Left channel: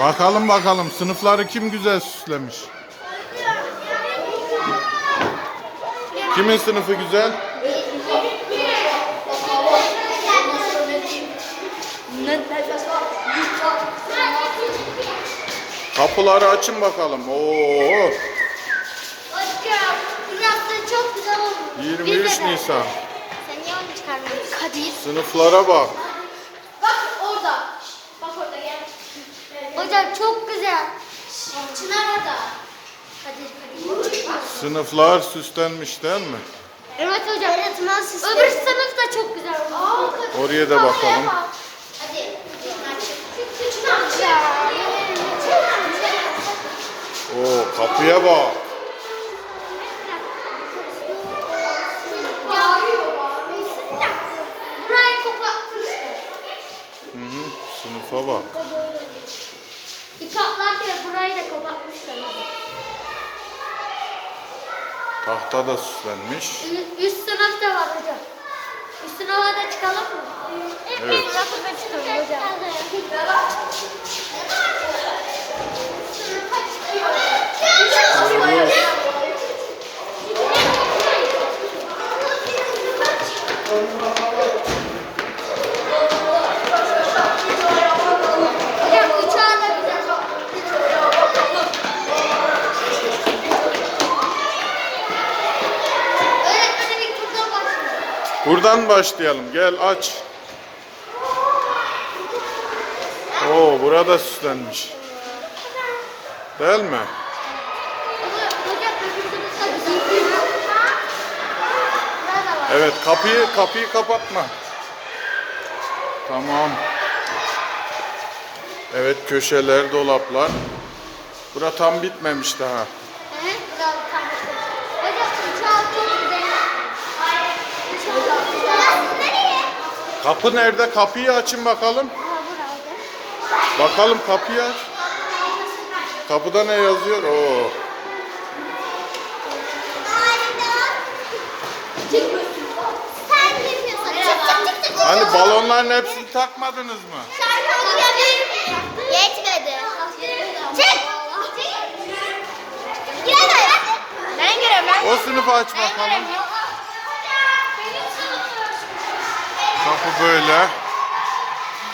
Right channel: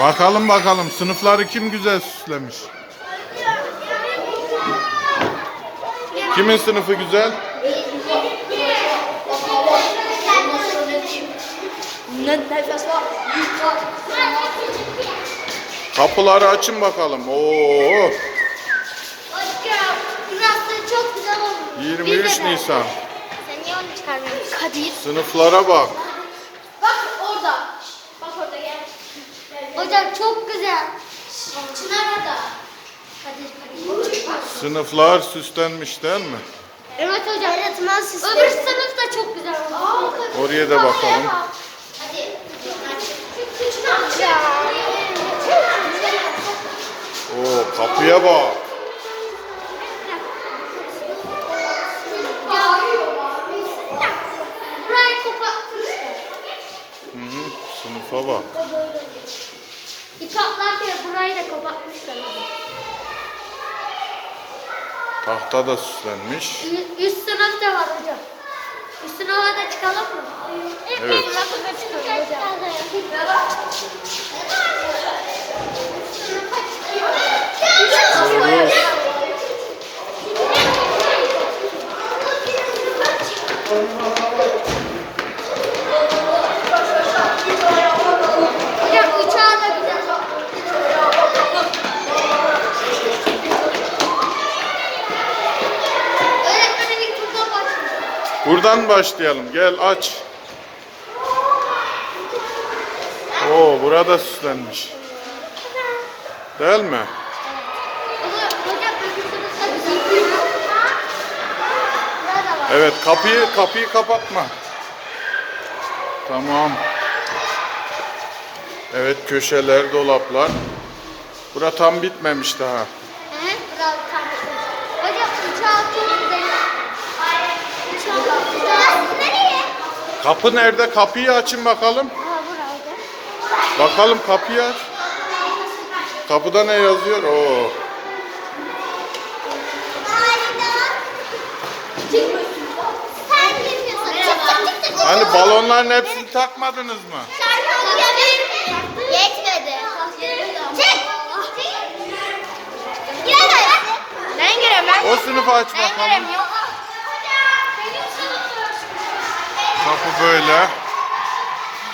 Bakalım bakalım sınıfları kim güzel süslemiş. Kimin sınıfı güzel? Kapıları açın bakalım. Oo, Aşkım, burası çok güzel olmuş. 23 Nisan. Sınıflara. Bak orada. Bak orada gel. Hocam çok güzel. Çınar. Kadir. Sınıflar süslenmiş değil mi? Evet hocam. Öğretmen süsü. Öbür sınıf da çok güzel olmuş. Oraya da bakalım. Oo, kapıya bak. Hı, sınıfa bak. Dikatlerken burayı da kapatmışlar. Tahta da süslenmiş. Ü- Üst sınıf da var hocam. Üst sınıfa da çıkalım mı? Evet. Da çıkalım Buradan başlayalım. Gel aç. Oo, burada süslenmiş. Değil mi? Evet, kapıyı kapıyı kapatma. Tamam. Evet, köşeler, dolaplar. Bura tam bitmemiş daha. Evet, tam. Hocam uçağı çok güzel. Uçağı nereye? Kapı nerede? Kapıyı açın bakalım. Bakalım kapıyı aç. Kapıda ne yazıyor? Oo. Hani balonların hepsini takmadınız mı? Yetmedi. Çek. Ben. O sınıfı aç bakalım. Kapı böyle.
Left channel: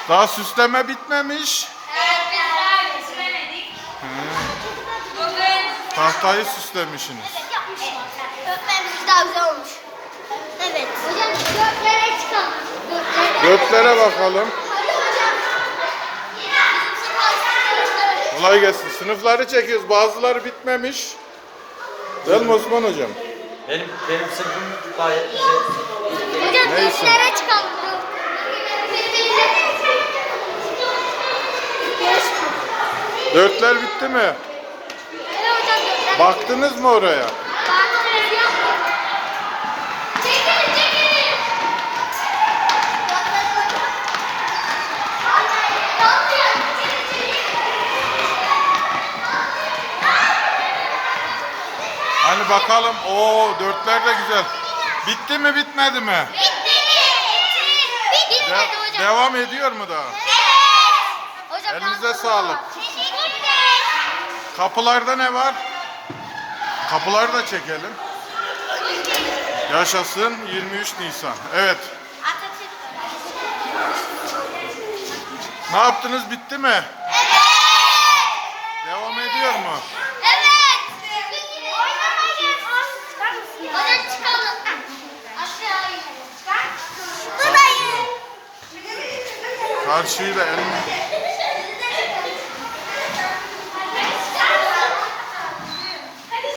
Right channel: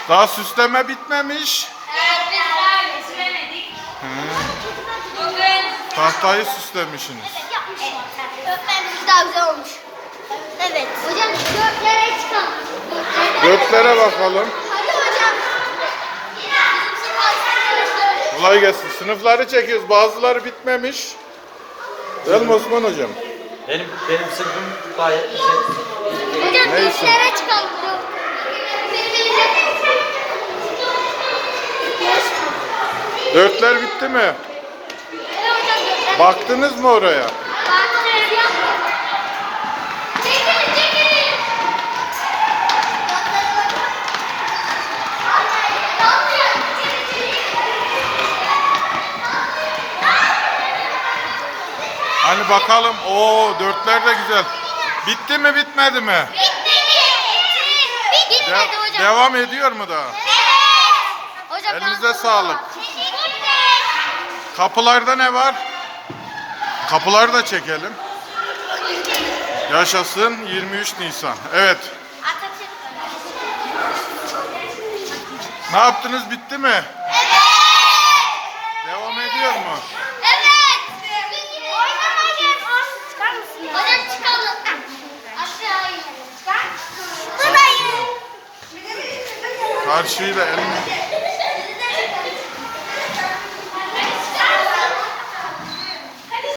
Daha süsleme bitmemiş. Tahtayı süslemişsiniz. Öğretmenimiz daha güzel olmuş. Evet. Hocam dörtlere çıkalım. Dörtlere bakalım. Kolay gelsin. Sınıfları çekiyoruz. Bazıları bitmemiş. Değil mi Osman hocam? Benim, benim sınıfım gayet güzel. Neyse. Dörtler bitti mi? Baktınız mı oraya? Hani bakalım. Oo dörtler de güzel. Bitti mi bitmedi mi? Bitmedi De- hocam. devam ediyor mu daha? Hocam Elinize sağlık. Kapılarda ne var? Kapıları da çekelim. Yaşasın 23 Nisan. Evet. Ne yaptınız? Bitti mi? Devam ediyor mu? Hocam çıkalım. Aşağı inelim. Burayı. Karşıyı da elini